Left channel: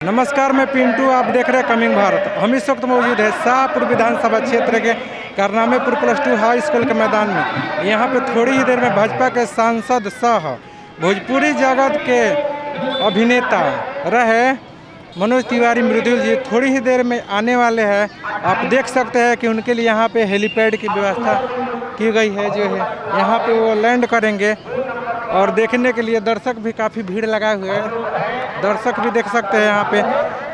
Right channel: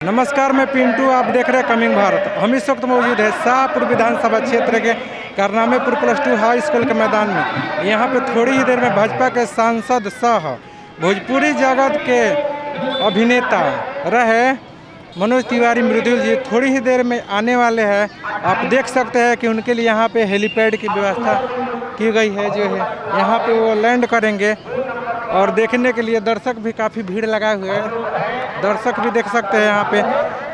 नमस्कार, मैं पिंटू, आप देख रहे हैं कमिंग भारत। हम इस वक्त मौजूद है शाहपुर विधानसभा क्षेत्र के करनामेपुर +2 हाई स्कूल के मैदान में। यहाँ पे थोड़ी ही देर में भाजपा के सांसद सह भोजपुरी जगत के अभिनेता रहे मनोज तिवारी मृदुल जी थोड़ी ही देर में आने वाले हैं। आप देख सकते हैं कि उनके लिए यहाँ पे हेलीपैड की व्यवस्था की गई है। जो है यहाँ पे वो लैंड करेंगे और देखने के लिए दर्शक भी काफ़ी भीड़ लगाए हुए हैं। दर्शक भी देख सकते हैं यहाँ पे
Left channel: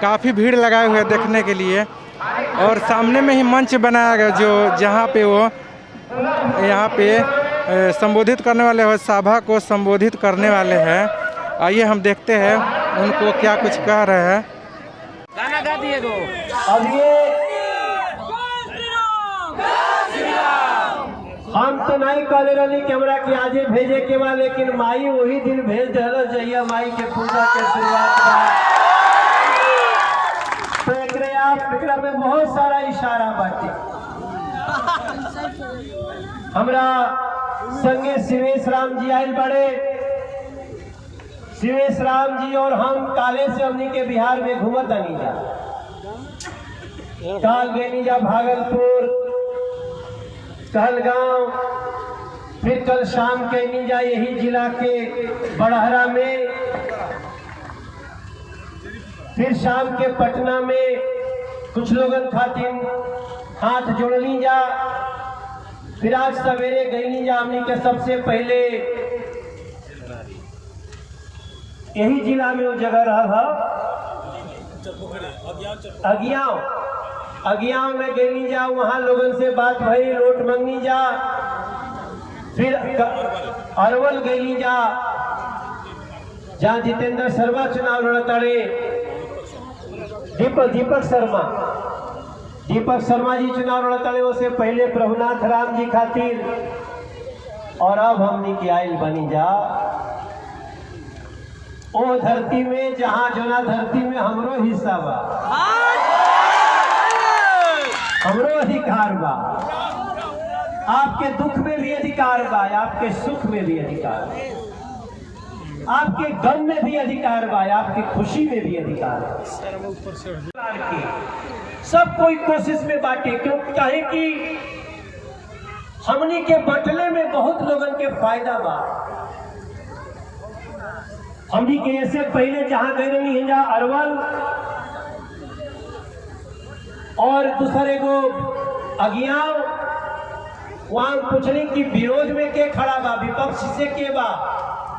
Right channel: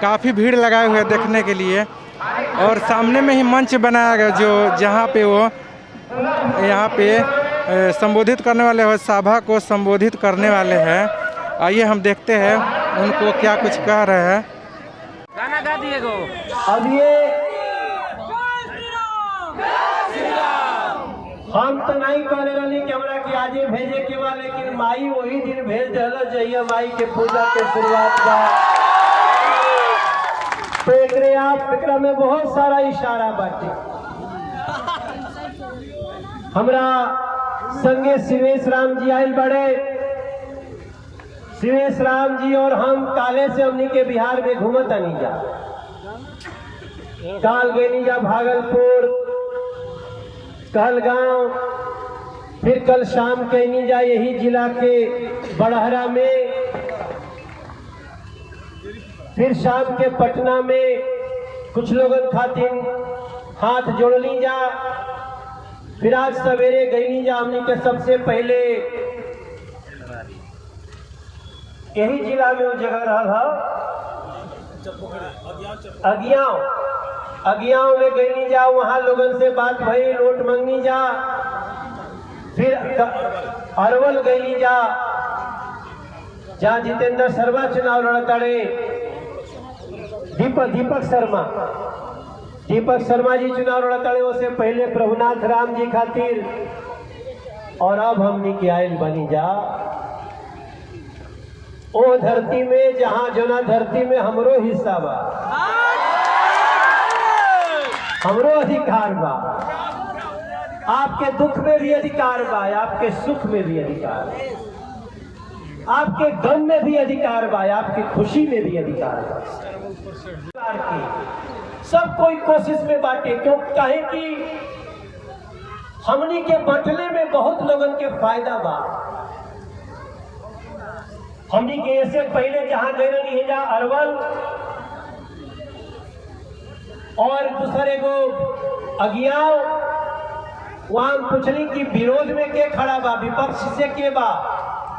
काफ़ी भीड़ लगाए हुए हैं देखने के लिए। और सामने में ही मंच बनाया गया जो जहाँ पे वो यहाँ पे संबोधित करने वाले हो, सभा को संबोधित करने वाले हैं। आइए हम देखते हैं उनको क्या कुछ कह रहे हैं। गाना गा दिए गो। अब ये हम तो नहीं करे रही कैमरा के आगे भेजे के बाद, लेकिन माई वही दिन भेज देना चाहिए माई के पूजा के शुरुआत का। तो एकरा में बहुत सारा इशारा बाटे। हमरा संगे शिवेश राम जी आयल बड़े। शिवेश राम जी और हम काले से हमनी के बिहार में घूमत नहीं जा। काल गई जा भागलपुर, कल गांव, फिर कल शाम के नहीं जा यही जिला के बड़हरा में, फिर शाम के पटना में कुछ लोगन खातिर हाथ जोड़ली जा। फिर आज सवेरे गई जा हमने के सबसे पहले यही जिला में वो जगह रहा अगियाव में गई जा। वहां लोगन से बात भई, नोट मंगनी जा। फिर अरवल गई जा जहाँ जितेंद्र शर्मा चुनाव लड़े। दीपक शर्मा जी चुनाव लड़े। उससे पहले प्रभुनाथ राम जी खातिर। और अब हमने के आयल बनी जा ओ धरती में जहाँ जोना धरती में हमरो हिस्सा बा, हमरो अधिकार बा। आपके दुख में भी अधिकार बा, आपके सुख में भी अधिकार बा, आपके गम में भी अधिकार बा, आपकी खुशी में भी अधिकार बा। सब कोई कोशिश में बांटे, क्यों चाहे कि हमनी के बटले में बहुत लोगन के फायदा बा। हमनी के ऐसे पहले जहां गए रही है जहाँ अरवल और दूसरे को अगियाव, वहां पूछने की विरोध में के खड़ा बा, विपक्ष से के बा,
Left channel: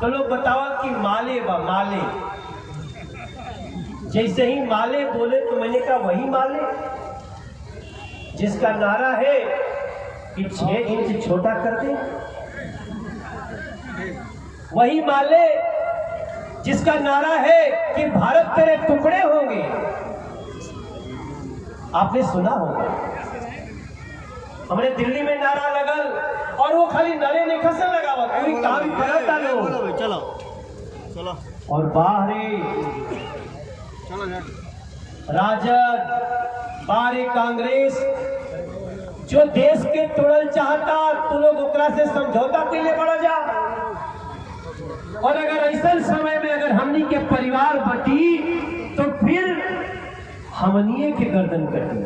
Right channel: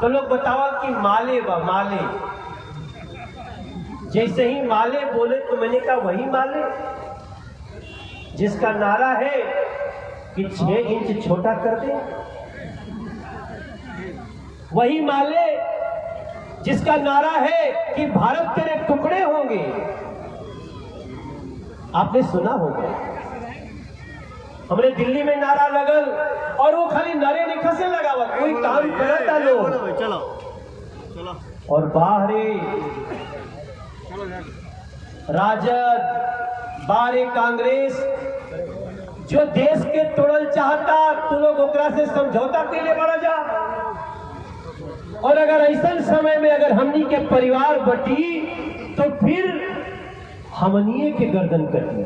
तो लोग बतावा कि माले बा माले। जैसे ही माले बोले तो मैंने कहा वही माले जिसका नारा है कि 6 इंच छोटा कर दे, वही माले जिसका नारा है कि भारत तेरे टुकड़े होंगे। आपने सुना होगा हमने दिल्ली में नारा लगल, और वो खाली नारे निकल लगा हुआ, कोई काम करता लोग। चलो और बाहरी राजद बाहरी कांग्रेस जो देश के तोड़ल चाहता, तो लोग ओकरा से समझौता के लिए बढ़ा जा। और अगर ऐसा समय में अगर हमनी के परिवार बटी तो फिर हमनिए के गर्दन कटी।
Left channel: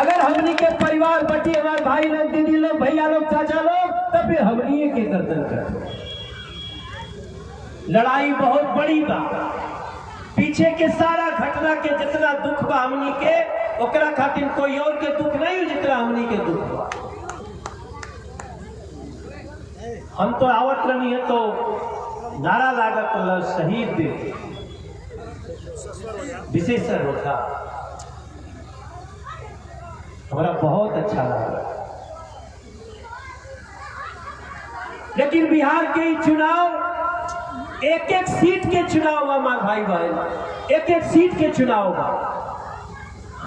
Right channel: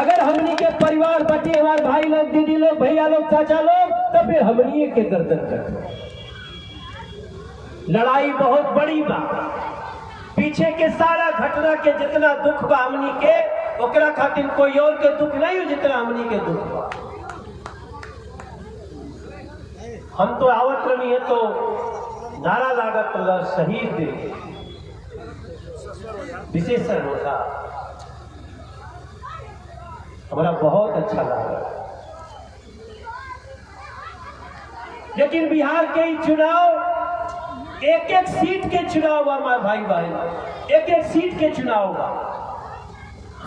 अगर हमनी के परिवार बटी, हमारे भाई लोग, दीदी लोग, भैया लोग, चाचा लोग, तो फिर हमनिए के गर्दन कटी। लड़ाई बहुत बड़ी बा। पीछे के सारा घटना के जितना दुख बा हमनी के, ओकरा खातिर कोई और के दुख नहीं जितना हमनी के दुख बा। हम तो आवत नहीं है तो नारा लागत लड़ शहीद विशेषण होता, हमारा बहुत अच्छा लगा। लेकिन बिहार के चुनाव एक एक सीट के चुनाव हमारे भाई भाई एक एक सीट के चुनाव बा।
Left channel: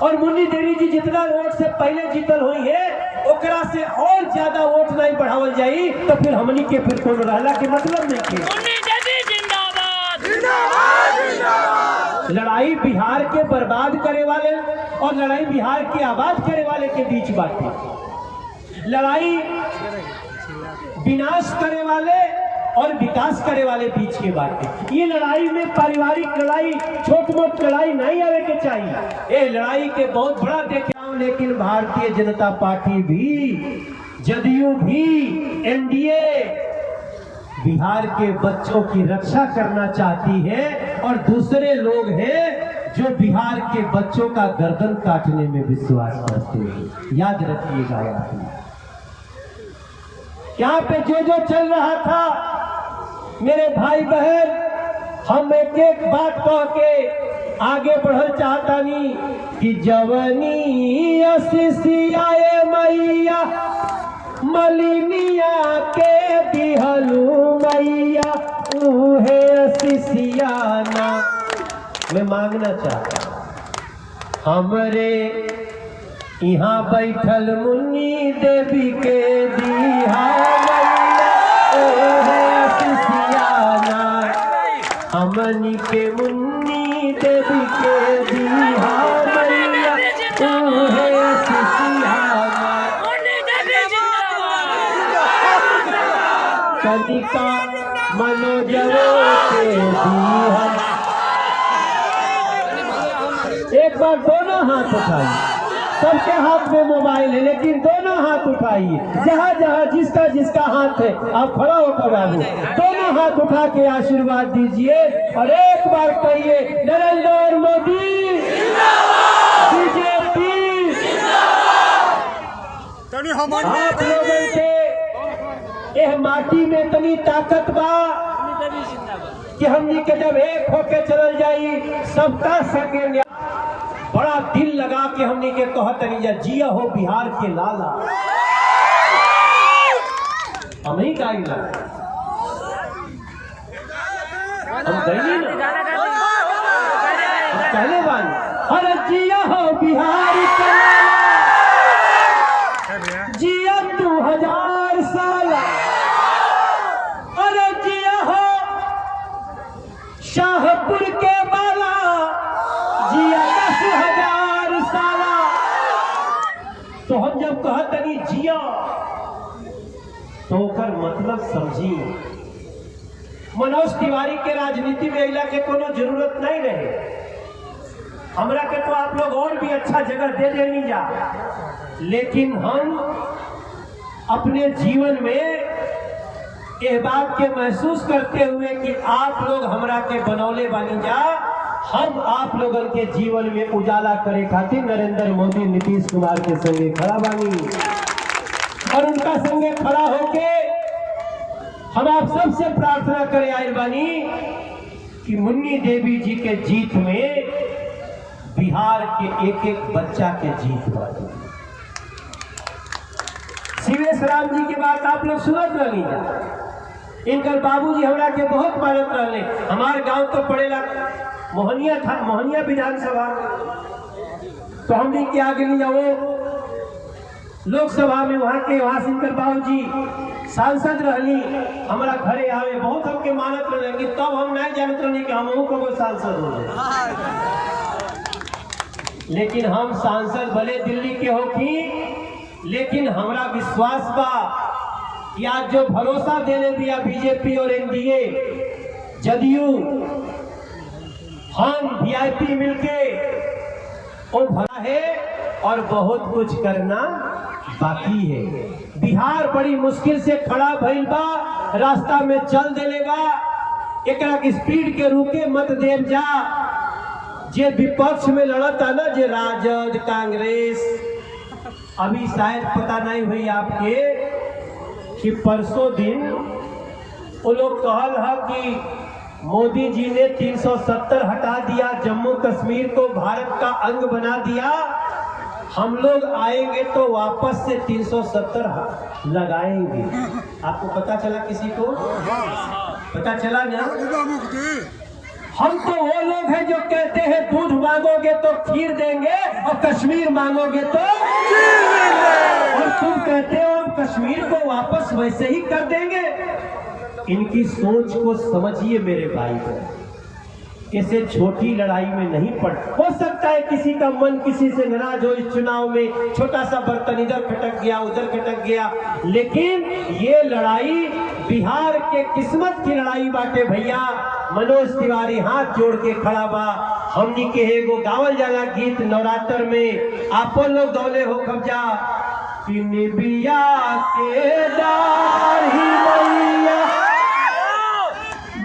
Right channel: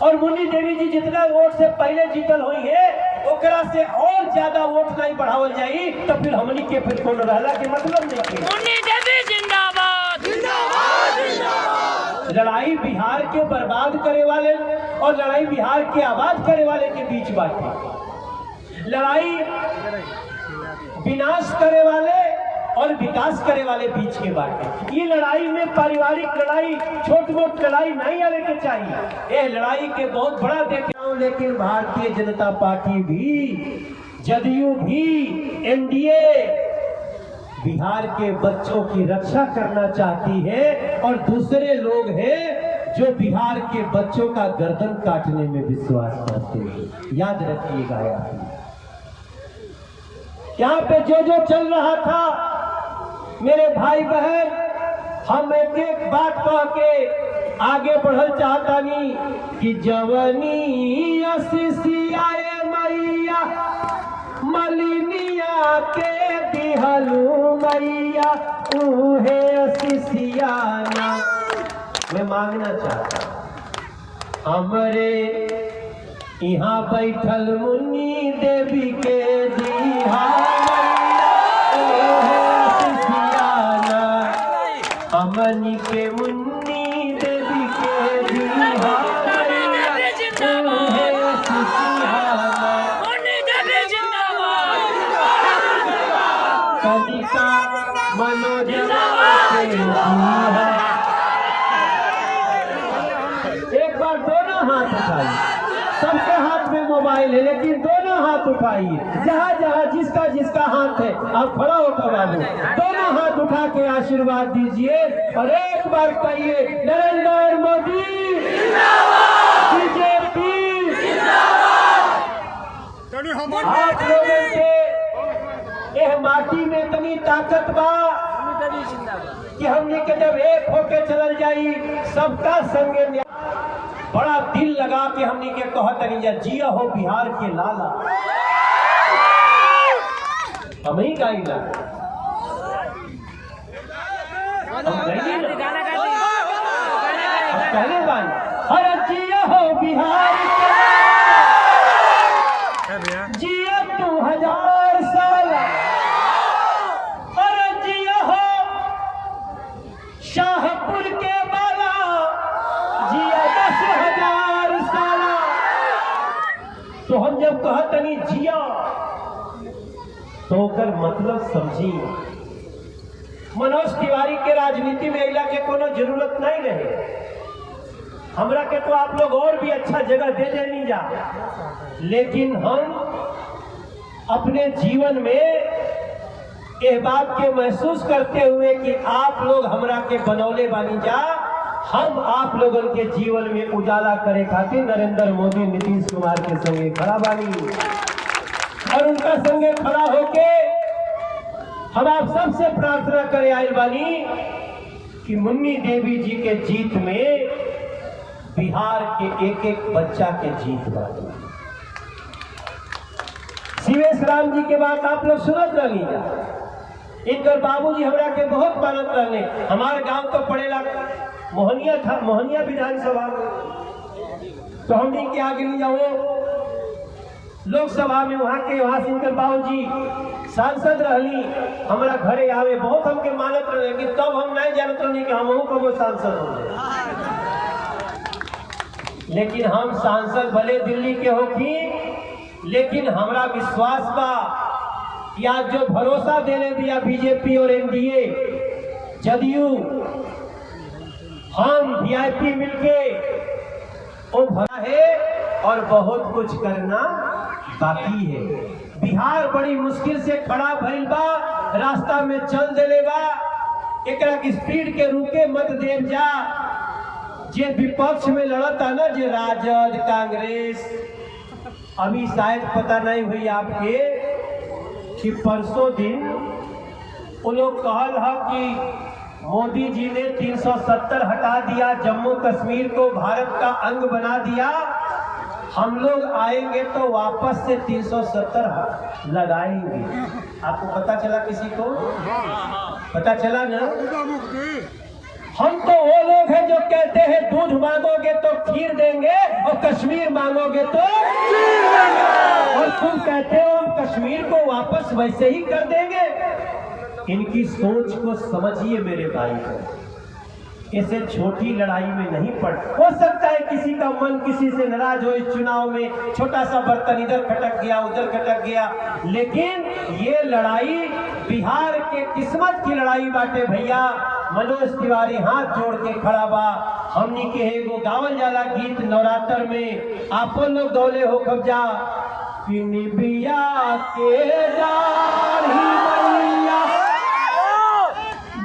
और मुन्नी देवी जी जितना वोट से पहले जीतल हुई है, ओकरा से और ज्यादा वोट नहीं बढ़ावल जाई, तो फिर हमनी के फिर कोनो रहला के मतलब नहीं। मुन्नी देवी जिंदाबाद, जिंदाबाद, जिंदाबाद। लड़ाई बिहार के बर्बाद करे वाले और लड़ाई बिहार के आबाद करे वाले के बीच बात है। लड़ाई विनाश करे वाले और विकास करे वाले बीच के बाटे। ये लड़ाई में पारिवारिक लड़ाई, छोट मोट लड़ाई नहीं आने के चाहिए। ये लड़ाई के बहुत बड़ा देख रहा हूं, लेकिन भारतीय जनता पार्टी भी, जदयू भी, एनडीए बिहार के बच्चों की रक्षा करना चाहती है और दूसरे लोग हैं जो बिहार के बच्चों का गर्दन काटने में विश्वास करते हैं। याद रखिएगा यहाँ पे जो चल रहा था मेरे भाई बहन, हम एक एक बात कह के आगे बढ़ल चाहता नहीं कि जवनी असिसियाए मैया मलिनिया के दिहलू मैया उहे असिसियाना। मैं मांगना चाहता हमरे यहाँ बैठल मुन्नी देवी के दिहा हमनी के मुन्नी देवी के दिहा कनिका मनोजवा के दिहा। एक बार दोनों हाथ उठाइए, सबके हाथ में मोबाइल है लेकिन दोनों हाथ उठाइए, जहाँ जहाँ जिसका जिसका हाथ है आप खड़ा होकर बाबू दोनों हाथ उठा के आशीर्वाद दीजिए और एक बार कहिए नरेंद्र मोदी बीजेपी। आप लोगों के यह माटी में इतनी ताकत बा कि हमने के जब एक होके चल जाई सबका संग। बड़ा दिल लगा के हमने के कहतनी जिया हो बिहार के लाला, हम ही गाइला अरे जिया हो बिहार के जिया 2000 साल, अरे जिया हो शाहपुर के बाला जिया 10,000 साला। तो हम जब कहतनी जिया तो ओकर मतलब समझी। मनोज तिवारी के राजनीति में अइला के कोनो जरूरत नहीं रहे, हमरा के तो आप लोग और भी अच्छा जगह दे देनी जा, लेकिन हम अपने जीवन में इस बात के महसूस करते हुए कि आप लोग हमरा के बनौले बानी जा, हम आप लोगों के जीवन में उजाला करे खातिर नरेंद्र मोदी नीतीश कुमार के संगे खड़ा बानी और उनका संगे खड़ा होके हम आप सबसे प्रार्थना करे आए बानी कि मुन्नी देवी जी के जीत में बिहार के एक एक बच्चा के जीत बानी। शिवेश राम जी के बात आप लोग सुनत रही जा, इनकर बाबूजी हमरा के बहुत मानत रहने। हमारे गांव तो पड़ेला मोहनिया था, मोहनिया विधानसभा, तो हमने क्या आगे नहीं जाओ लोकसभा में वहां से इनकर बाबूजी सांसद रहनी, हमारा घरे आवे बहुत हमके मानत रहेंगे, तब हम नहीं जानते रहे कि हम कबो सांसद हो। लेकिन हम सांसद भले दिल्ली के होती, लेकिन हमारा विश्वास बा कि आज जो भरोसा देने दिया बीजेपी और एनडीए जदयू, हम वीआईपी मिलके वो भरा है और बहुत कुछ करना बाकी है। बिहार बड़ी मुश्किल से खड़ा भइल बा, रास्ता में चल देले बा, एकरा की स्पीड के रुके मत देव जा। जे विपक्ष में लड़ता ना, जे राजद कांग्रेस, अभी शायद पता नहीं हुई आपके कि परसों दिन वो लोग कहल है कि मोदी जी ने 370 हटा दिया, जम्मू कश्मीर को भारत का अंग बना दिया, हम लोग आएंगे तो वापस से 370 लगाएंगे। आपको पता चला? किसी को पता चला ना? हम तो वो लोग हैं जो कहते हैं दूध मांगोगे तो खीर देंगे और कश्मीर मांगोगे तो और तुम कहते हो हम कश्मीर को वापस वैसे ही कर देंगे। इनकी सोच को समझिए मेरे भाई को, इसे छोटी लड़ाई में नहीं पड़। हो सकता है किसी का मन किसी से नाराज हो, इस चुनाव में छोटा सा बर्तन इधर खटक गया उधर खटक गया, लेकिन ये लड़ाई बिहार के किस्मत की लड़ाई बाटे भैया। मनोज तिवारी हाथ जोड़ के खड़ा बा। हमनी के एगो गावल जाला गीत नवरात्र में, आपन लोग दौले हो कब्जा कि निबिया के दाढ़ी मैया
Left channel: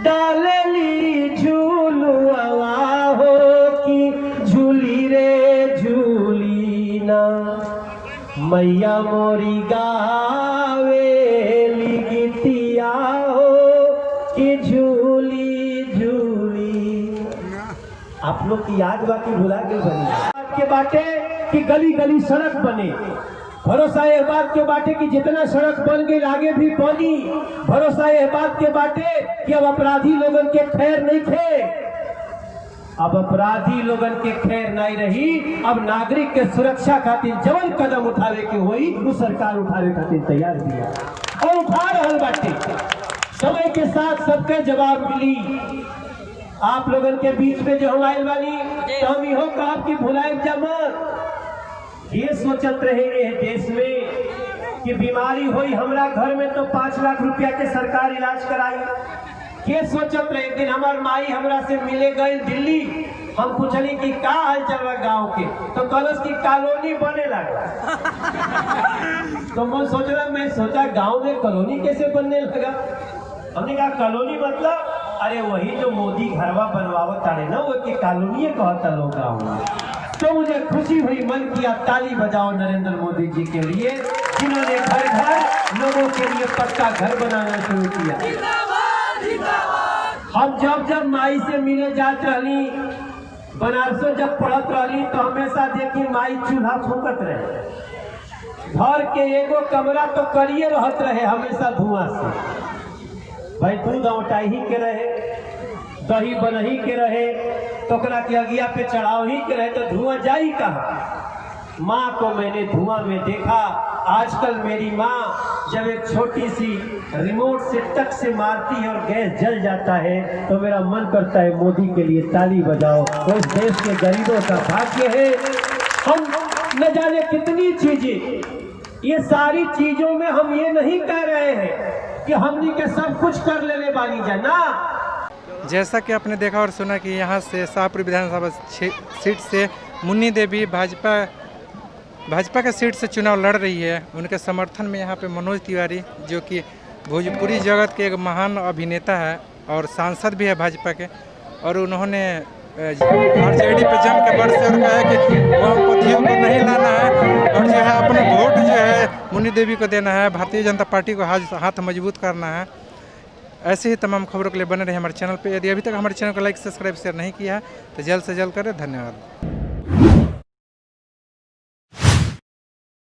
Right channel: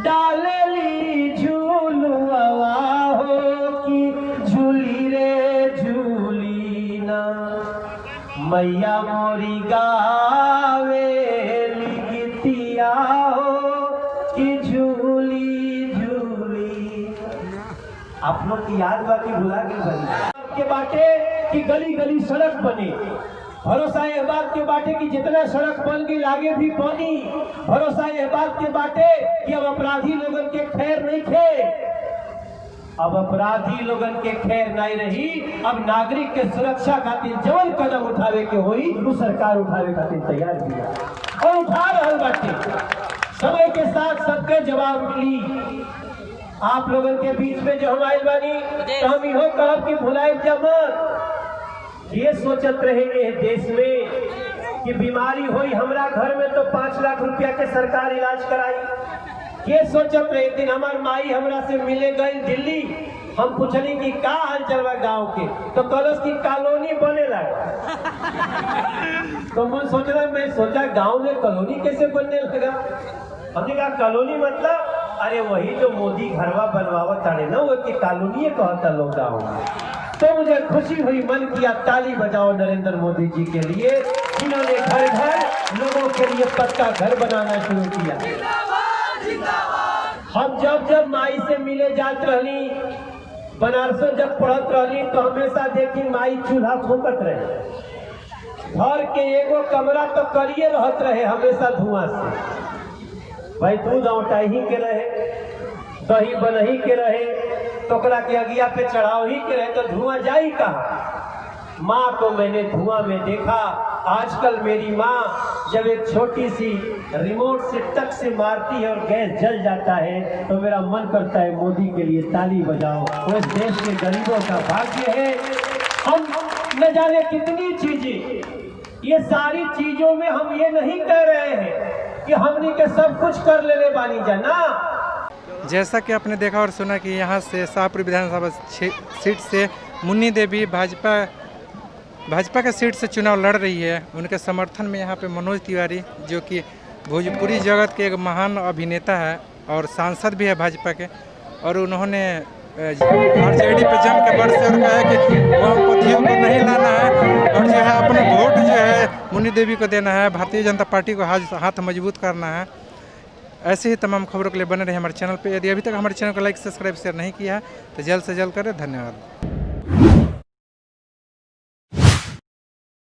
डालली झूलुआ हो कि झूली रे झूली ना मैया मोरी गावेली गीतिया हो कि झूली झूली। आप लोग की याद बा कि भुला गई बनी के बाटे कि गली गली सड़क बने। भरोसा ये बात के बाटे कि जितना सड़क बन गई आगे भी पानी। भरोसा ये बात के बाटे कि अब अपराधी लोगन के खैर नहीं थे। अब अपराधी लोगन के खैर नहीं रही। अब नागरिक के सुरक्षा खातिर जवन कदम उठावे के होई वो सरकार उठावे खातिर तैयार भी और उठा रहल बाटे। समय के साथ सबके जवाब मिली। आप लोगन के बीच में जो हम आइल बानी तो हम इहो कहब कि भुलाइल जमत। ये सोचत रहे ये देश में कि बीमारी हुई हमरा घर में तो 5 लाख रुपया के सरकार इलाज कराई। ये सोचत रहे। एक दिन हमार माई हमरा से मिले गए दिल्ली। हम पूछली कि का हाल चल बा गाँव के, तो कहलस की कॉलोनी बने लगा। तो मैं सोचा गाँव में कॉलोनी कैसे बनने लगा। हमने कहा कॉलोनी मतलब अरे वही जो मोदी घरवा बनवावत तारे ना वो की कॉलोनी कहता लोग गाँव में। तो मुझे खुशी हुई, मन किया ताली बजाओ नरेंद्र मोदी जी के लिए जिन्होंने घर घर लोगों के लिए पक्का घर बनाना शुरू किया। हम जब माई से मिले जात रही, बनारसों जब पढ़त रही तो हमेशा देखी माई चूल्हा फूकत रहे। घर के एगो कमरा तो करिए रहत रहे हमेशा धुआं से। भाई दूध औटाई ही के रहे, दही बनही के रहे, टोकरा के अगिया पे चढ़ाव ही के रहे तो धुआं जाई कहाँ। माँ को मैंने धुआं में देखा। आजकल मेरी माँ जब एक छोटी सी रिमोट से टक से मारती है और गैस जल जाता है तो मेरा मन करता है मोदी के लिए ताली बजाओ। वो इस देश के गरीबों का भाग्य है। हम न जाने कितनी चीजें, ये सारी चीजों में हम ये नहीं कह रहे हैं कि हमने के सब कुछ कर लेने बानी जाना। जैसा कि आपने देखा और सुना कि यहाँ से शाहपुर विधानसभा सीट से मुन्नी देवी भाजपा के सीट से चुनाव लड़ रही है। उनके समर्थन में यहाँ पे मनोज तिवारी जो कि भोजपुरी जगत के एक महान अभिनेता है और सांसद भी है भाजपा के, और उन्होंने आरजेडी पे जम के बरसे और कहा है कि वामपंथियों को नहीं लाना है और जो है अपना वोट जो है मुन्नी देवी को देना है, भारतीय जनता पार्टी को हाथ मजबूत करना है। ऐसे ही तमाम खबरों के लिए बने रहे हमारे चैनल पे। यदि अभी तक हमारे चैनल को लाइक सब्सक्राइब शेयर नहीं किया है तो जल्द से जल्द करें। धन्यवाद।